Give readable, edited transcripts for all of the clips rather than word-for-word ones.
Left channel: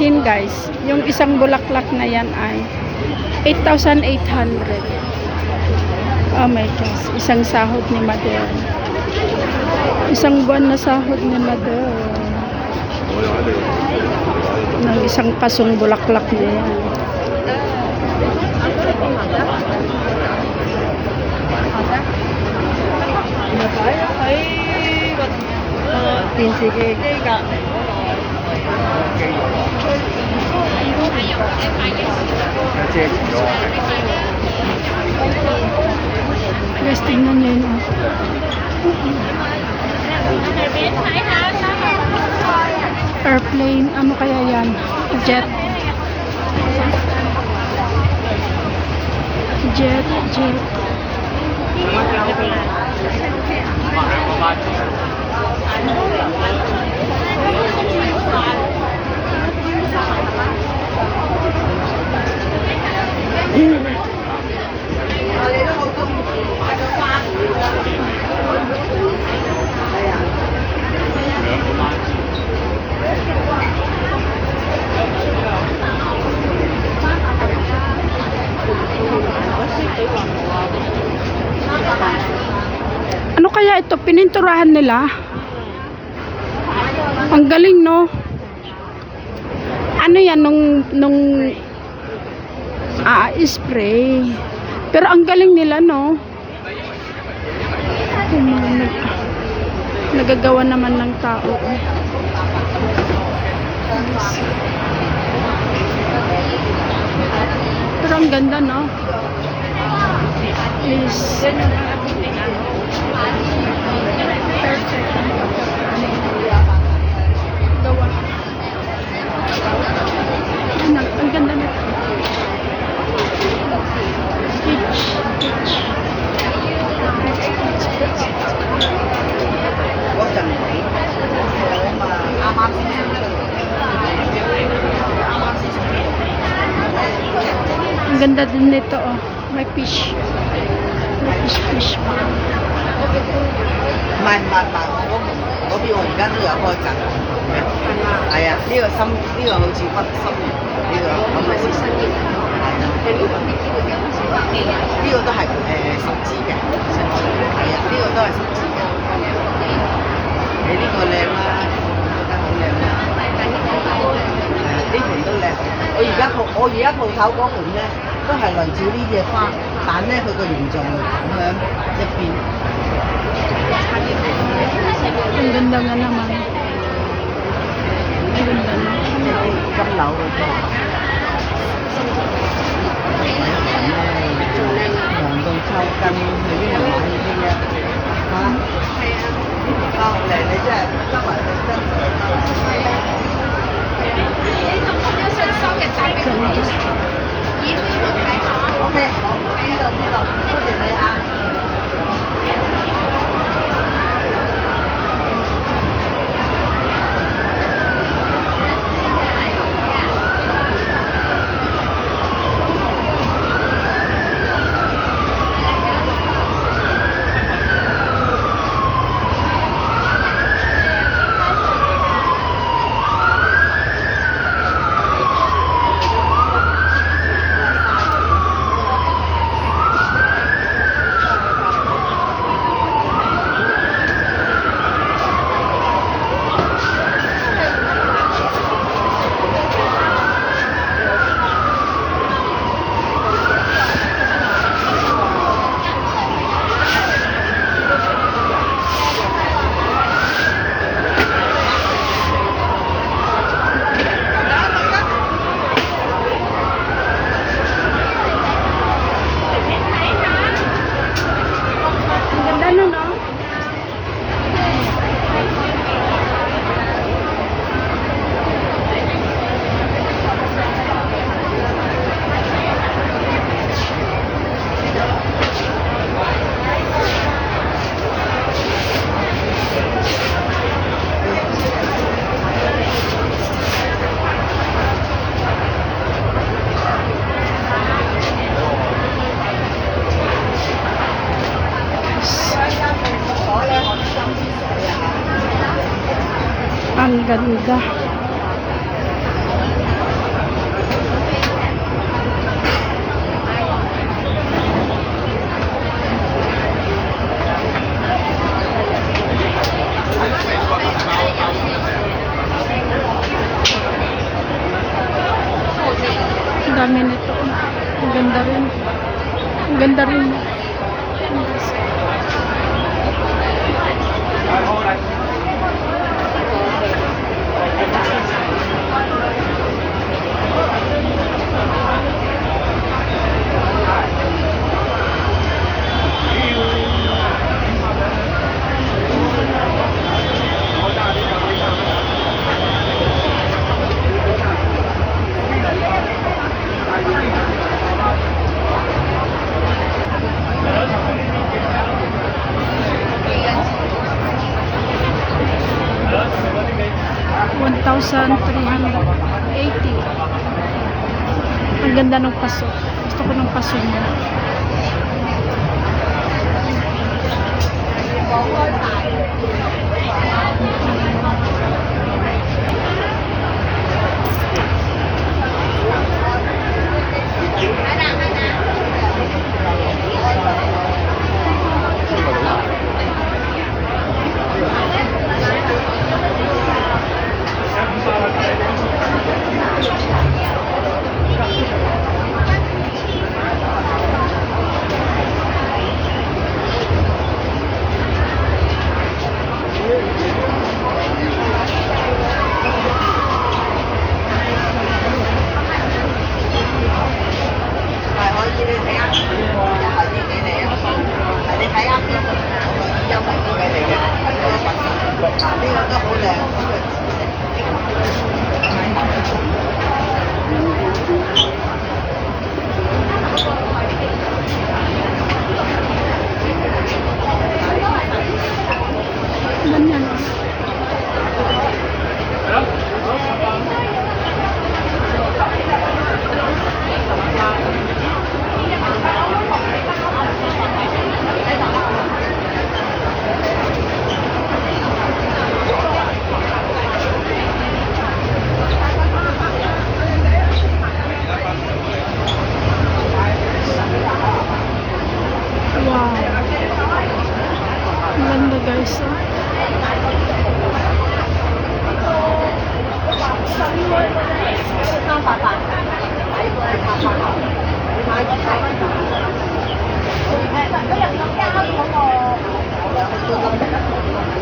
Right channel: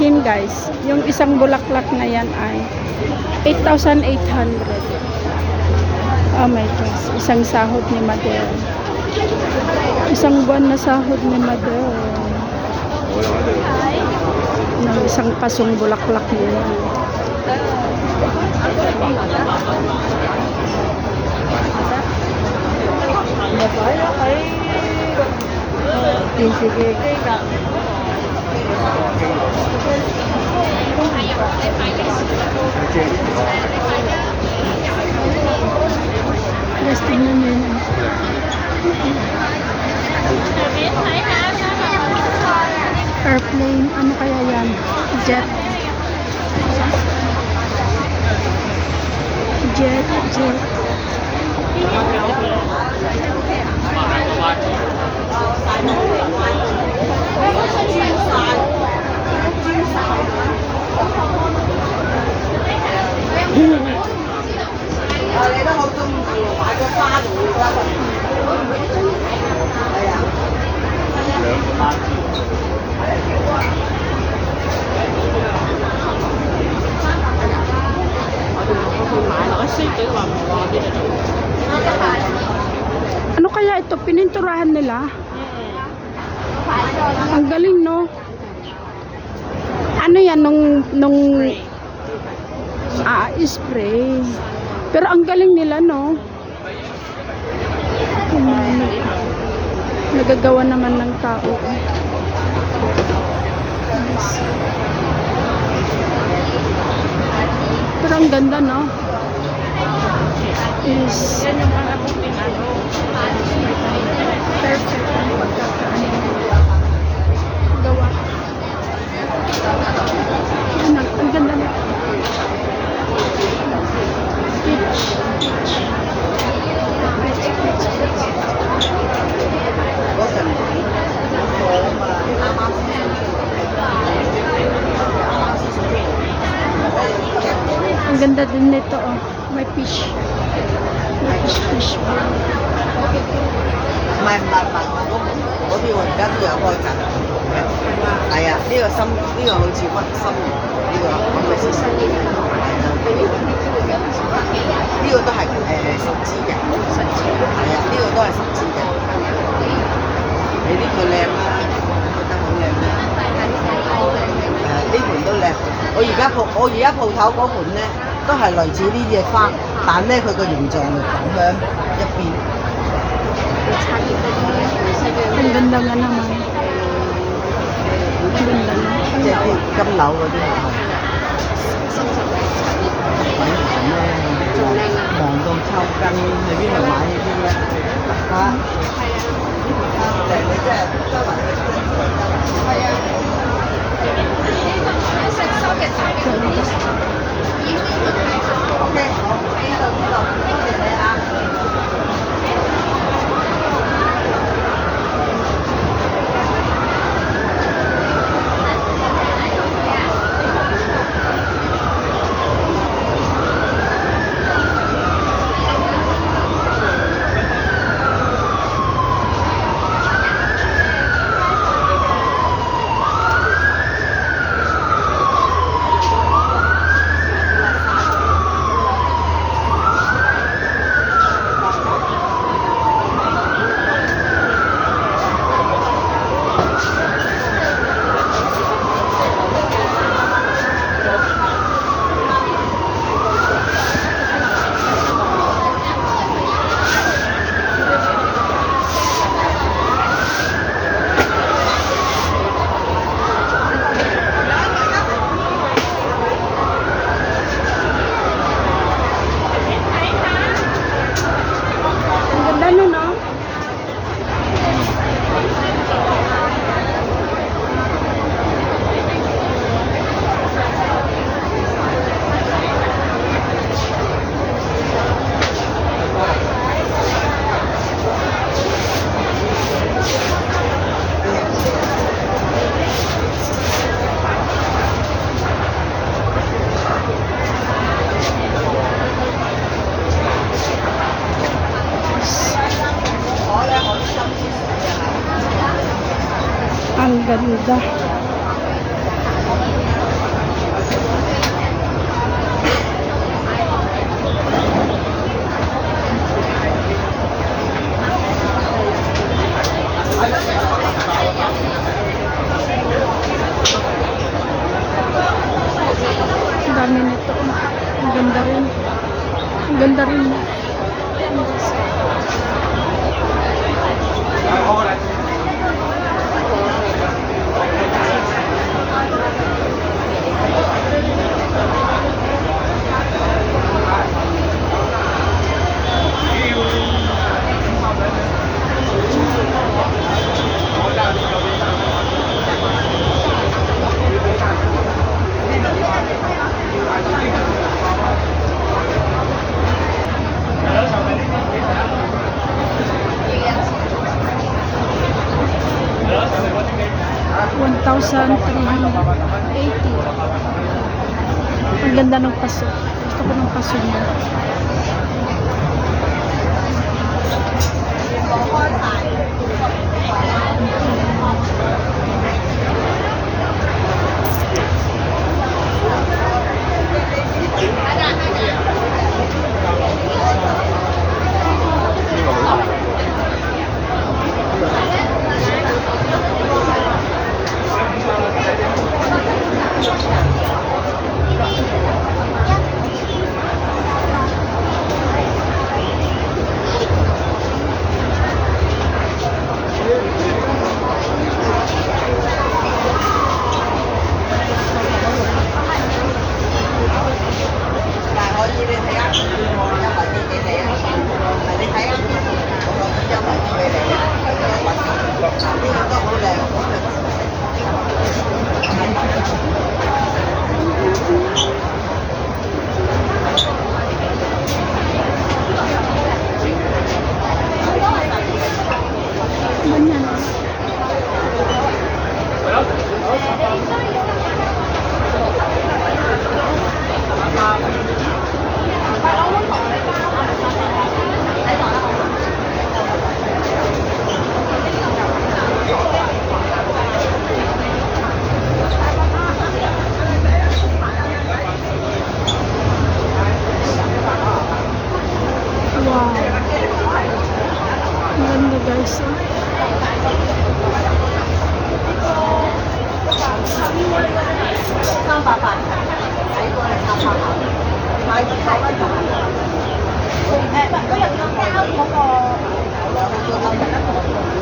akin guys, yung isang bulaklak na yan ay 8,800. Oh my gosh, isang sahod ni Mother. Isang buwan na sahod ni Mother. Ng isang pasong bulaklak niya yan. Guys, tingnan nyo yun. Airplane, ano kaya yan? Jet. Jet. Ano kaya ito? Pininturahan nila? Ang galing, no? Ano yan? Nung spray. Pero ang galing nila, no? Nagagawa naman ng tao. Pero ang ganda, no? Is perfect ang pagkakaano gawa. Ang ganda nito. Peach. Ang ganda din nito, oh. May fish. Fish. 唔係，嗰邊我而家都有開閘。係啊，呢個心呢個好似屈心形，呢個可唔可以試試？係啊，呢個都係十支嘅，係啊，呢個都係十支嘅。你呢個靚啦，覺得好靚啦。呢盤都靚。我而家鋪頭嗰盤咧，都係類似呢隻花，但咧佢個形狀就咁樣一邊。 Ang ganda nga naman. Ang ganda na. 即係啲金柳嗰啲。忙到抽筋，去邊度買呢啲咧？嚇！呢條花好靚，你真係周圍去真係得。係啊。OK， 好，知道，多謝你啊。 Ang ganda. Ganda rin. $1,380. Ang ganda ng paso. Gusto ko ng paso niya. Ganyan. Wow. Ang ganda guys. Oh.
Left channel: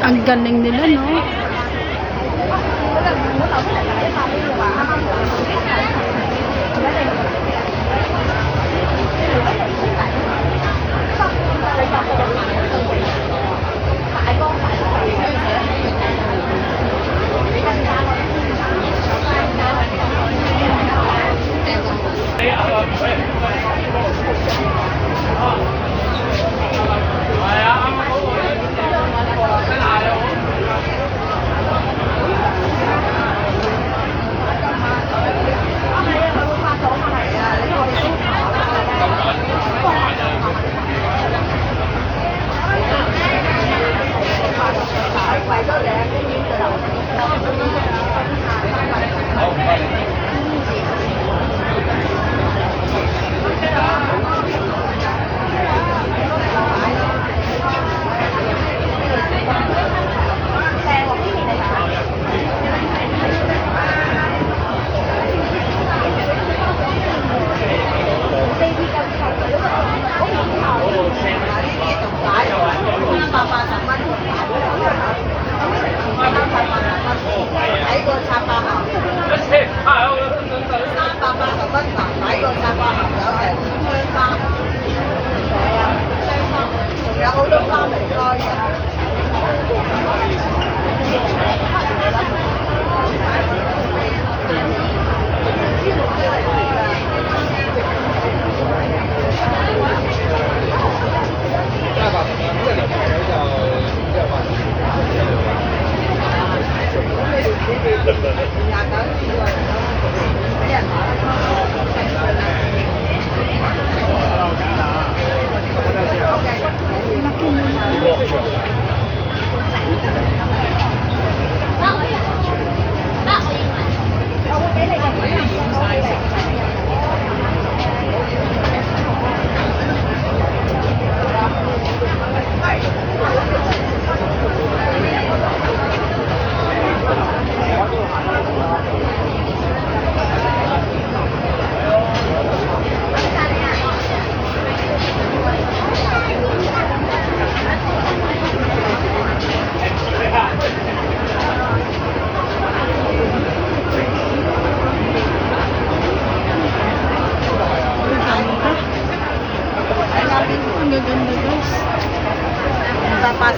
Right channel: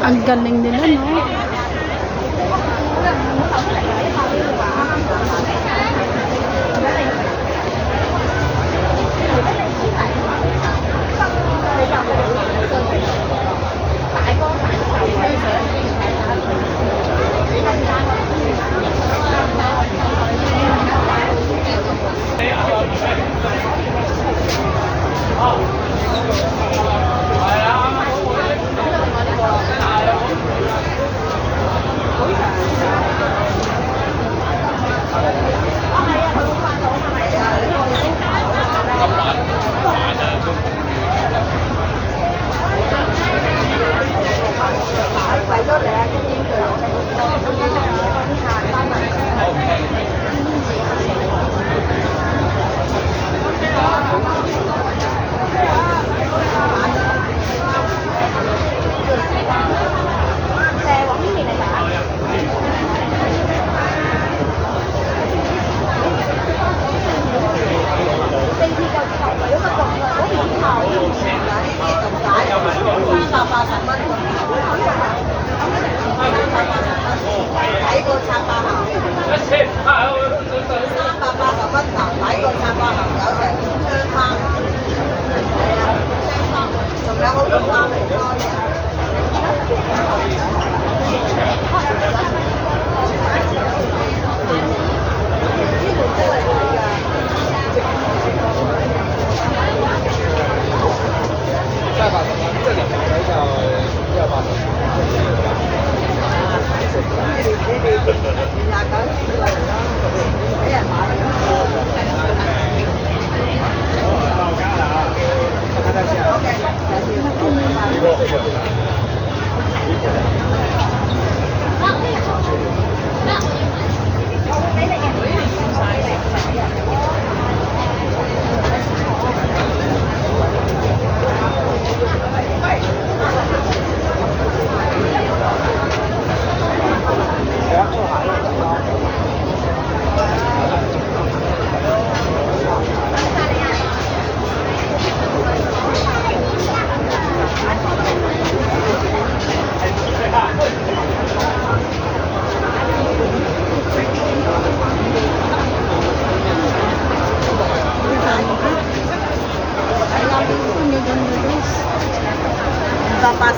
Ang galing nila, no?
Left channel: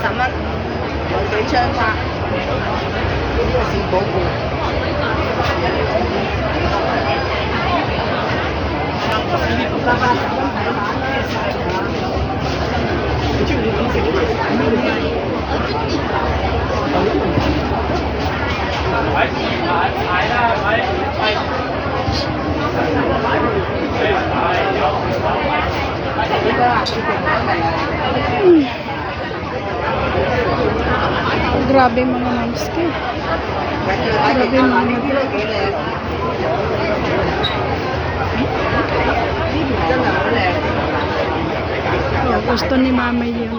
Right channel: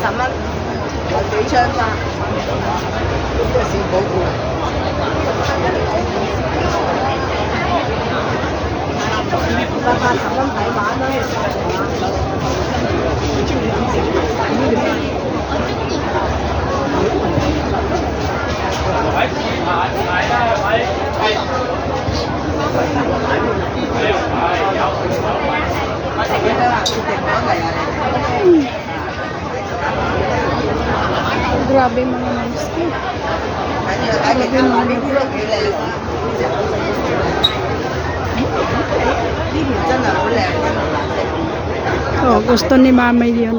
10蚊，有幾槍花，呢個小寶貝。80蚊睇玩咯，幾多啦？決定咗未啊？ Grabe yung mga monster. Grabe yung mga呢啲都幾靚啦，呢條真係好靚嘅顏色。 Oh, gusto ni Mama yan.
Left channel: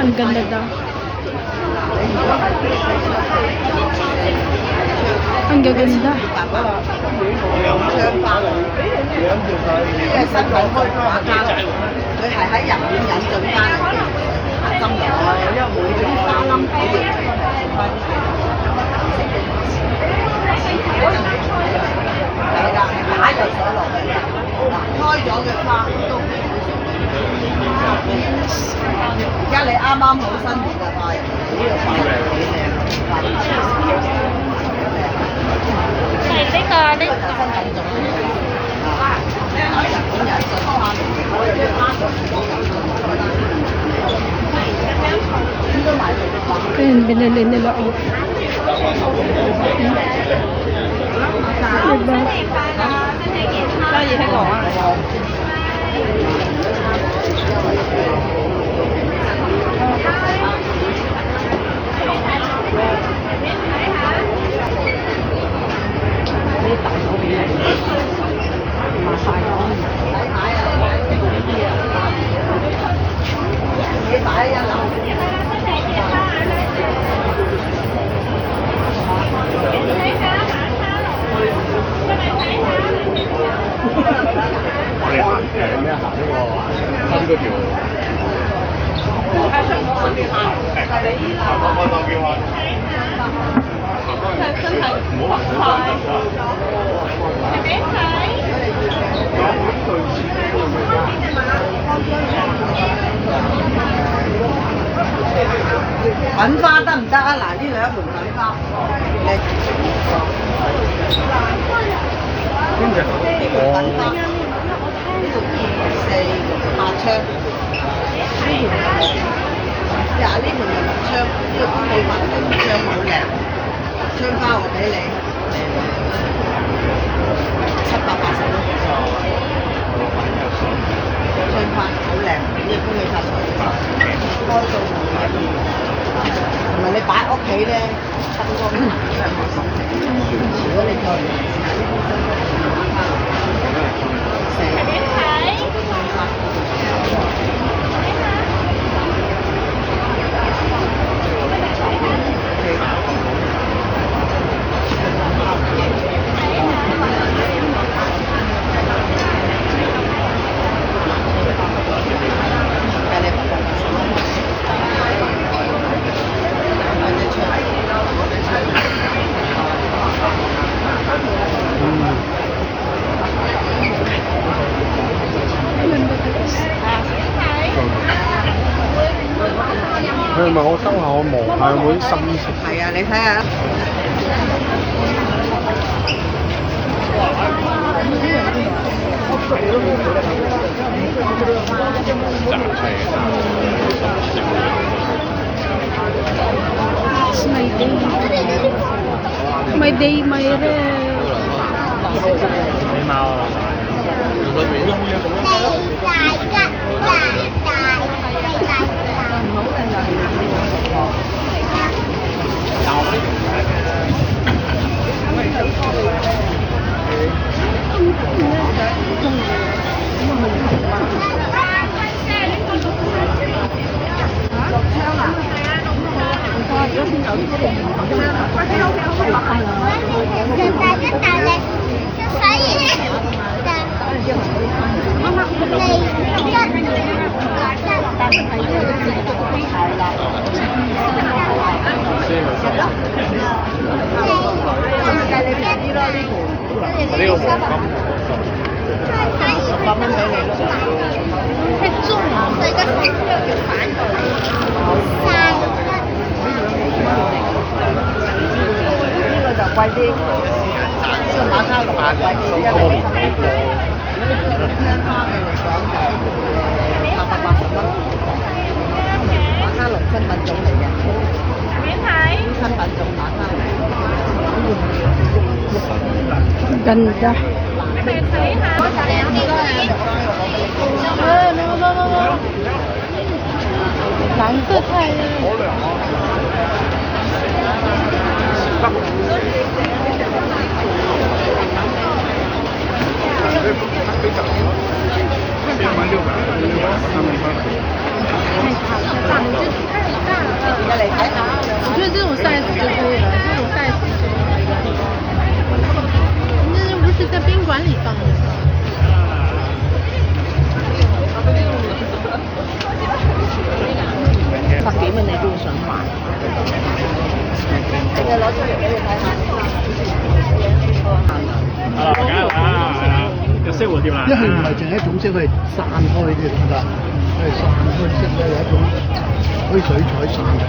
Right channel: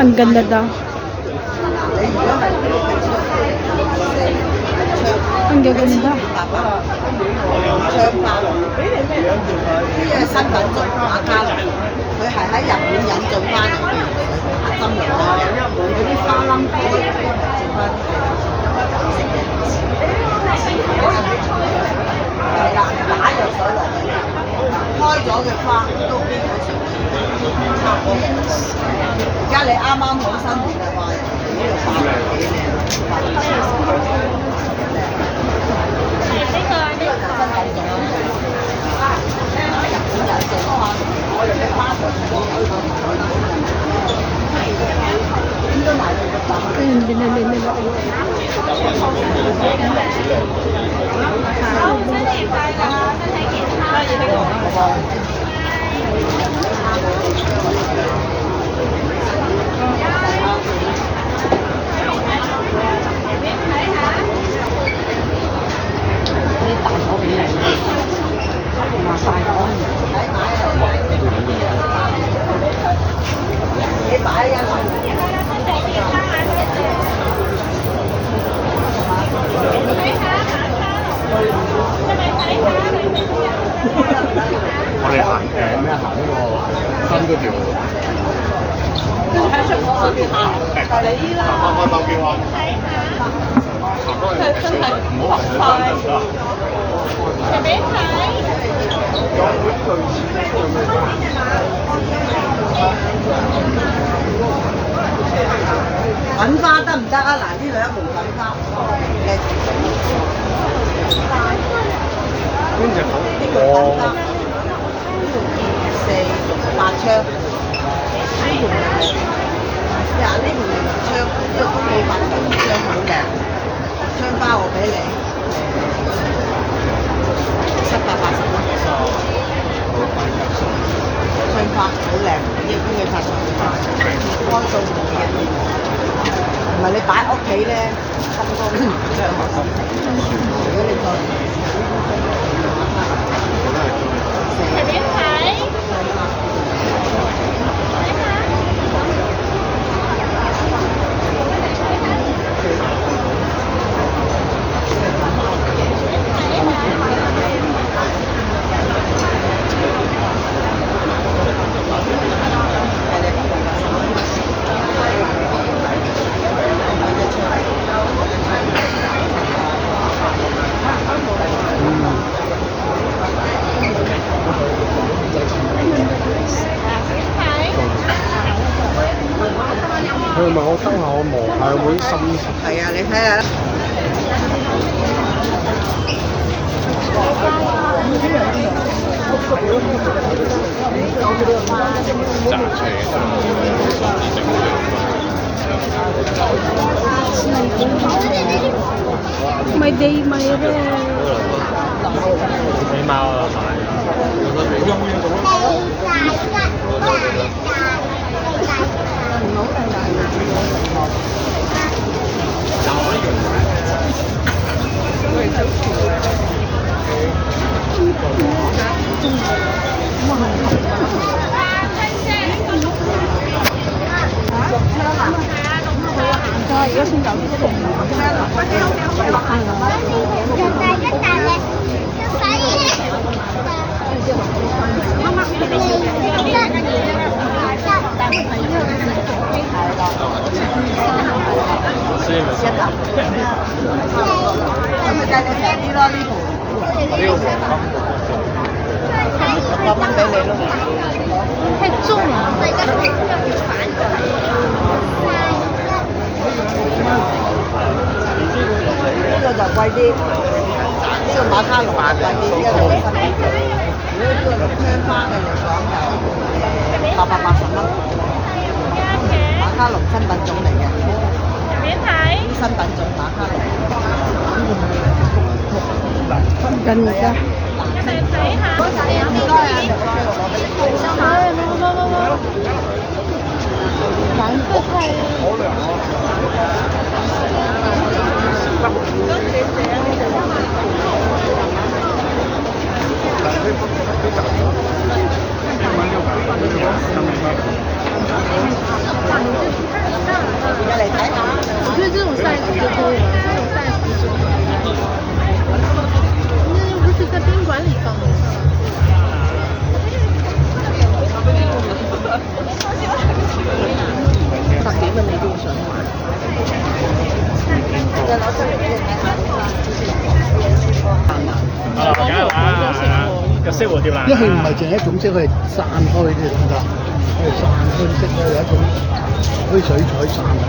Ang ganda daw. 你如果係Ang gaganda. 槍花，呢個係新品種畫家，佢係喺日本引進翻嚟嘅針嚟嘅，嗰啲花冧嗰啲做翻紫色嘅，係啦，打藥水落去，嗱開咗嘅花都基本上差唔多。而家你啱啱好新年嘅話，呢度花幾靚。 Ayun, binili nila.我哋行咩行呢個新嗰條？唔好行粉花得唔得啊？嗱，呢兩盆粉花，呢盆粉花，呢度4、6、8槍，呢盆嗱呢盆就6槍，呢個公母白槍2槍好靚，槍花我俾你780蚊，槍花好靚，一般嘅插頭光到冇嘅。 同埋你擺屋企咧，燈光行真係好心情。如果你再唔試下呢啲燈光，玩翻4點佢問我收下，我望下會心情。係啊，你睇下。May day, may rare. 起貓啊！有得俾。有冇嘢做啊？計你平啲啦呢盤，呢個黃金10蚊俾你咯。啲馬卡龍翻嚟蘇通。香花嘅嚟講就880蚊。馬卡龍新品種嚟嘅。新品種馬卡龍。Ganda. Cái xếp của tiêu là 因為佢唔係淨係一種色，佢係散開啲咁得，佢係散開啲色咧，有一種可以水彩散開。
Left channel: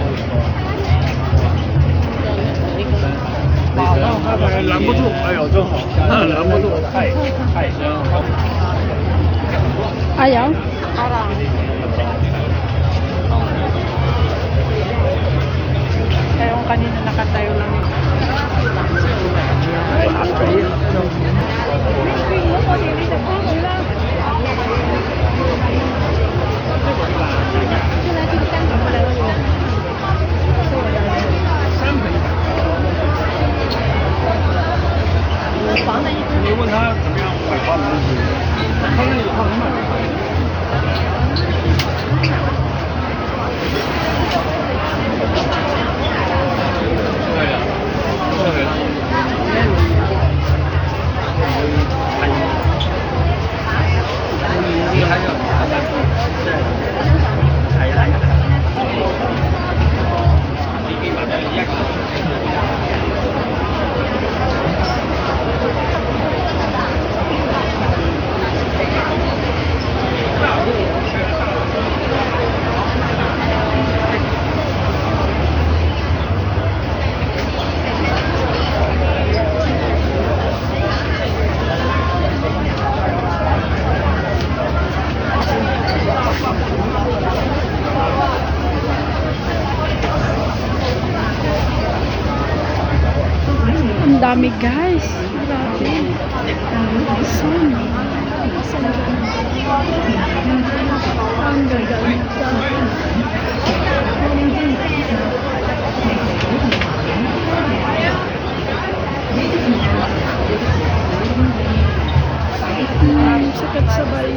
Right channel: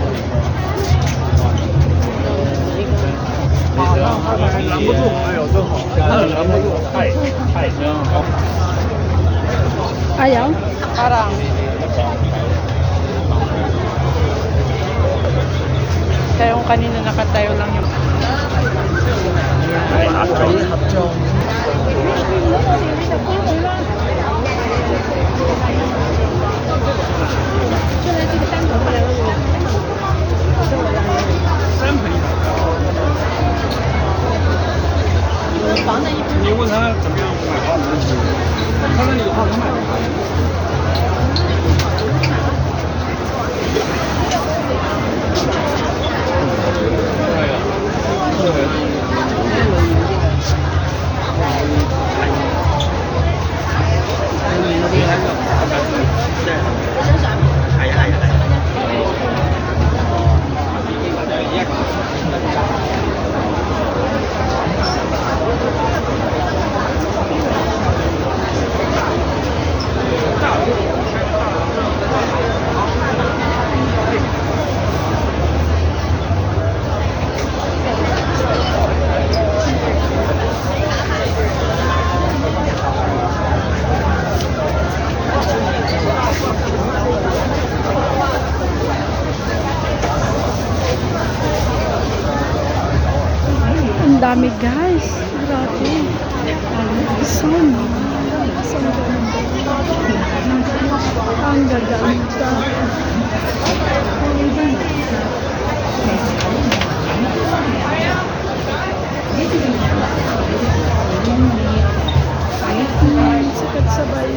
拦不住，哎呦，真好，拦不住，太香了。 Ayaw? Kaya yung kanina nakatayo lang yung你问他怎么买花篮子，他那里有套能买。 Ang dami guys. Grabe. So nice. Ang ganda. Ang gaganda. Sikat sa bayo.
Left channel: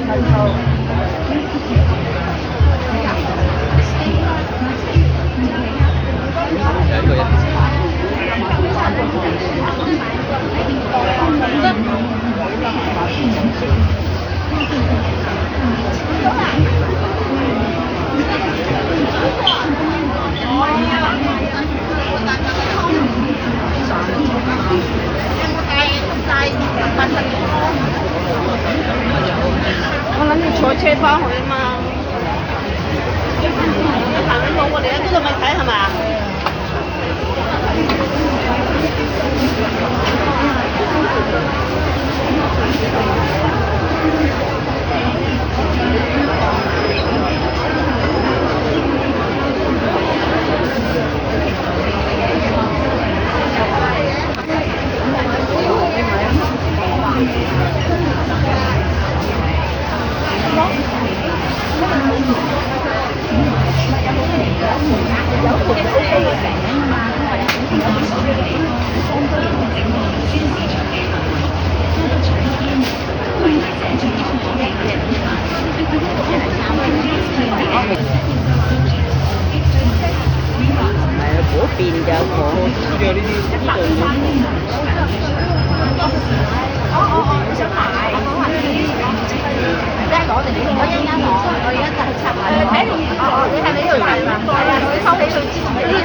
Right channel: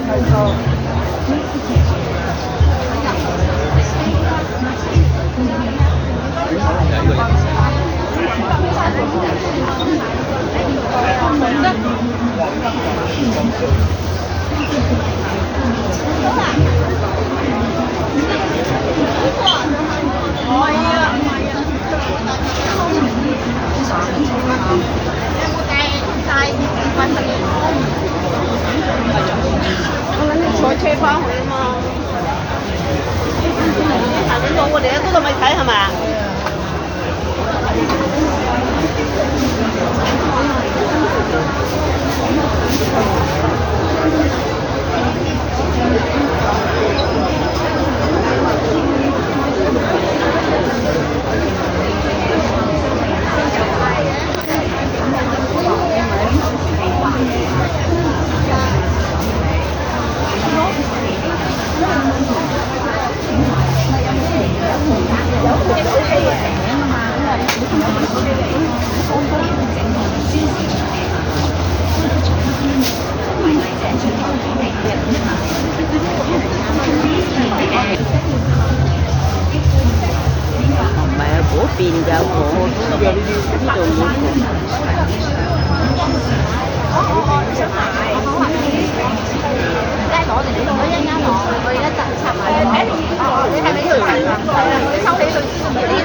tiền dạo cổ呢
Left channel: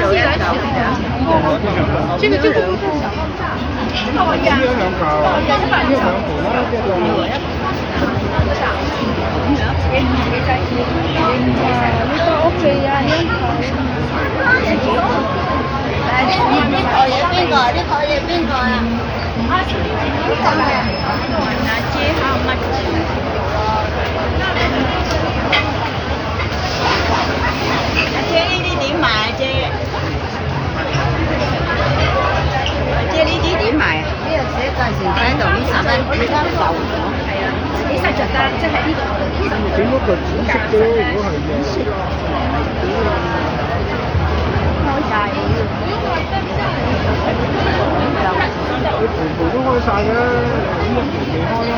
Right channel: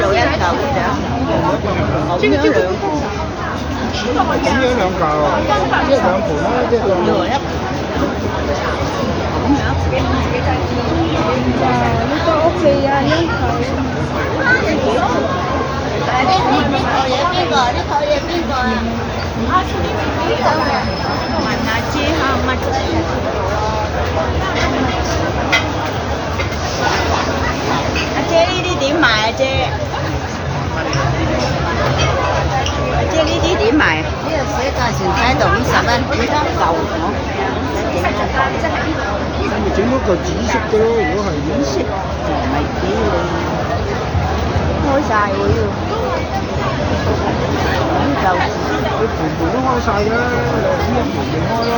度一嚿啫，好樣兩。 呢個 OK 啊，一頭。呢個嘢邊個？呢個嘢邊個啊？嗰陣時睇到50蚊。整咗個紫色啫，如果係紫色，開晒佢全部都開晒嘅，咁樣唔開啦。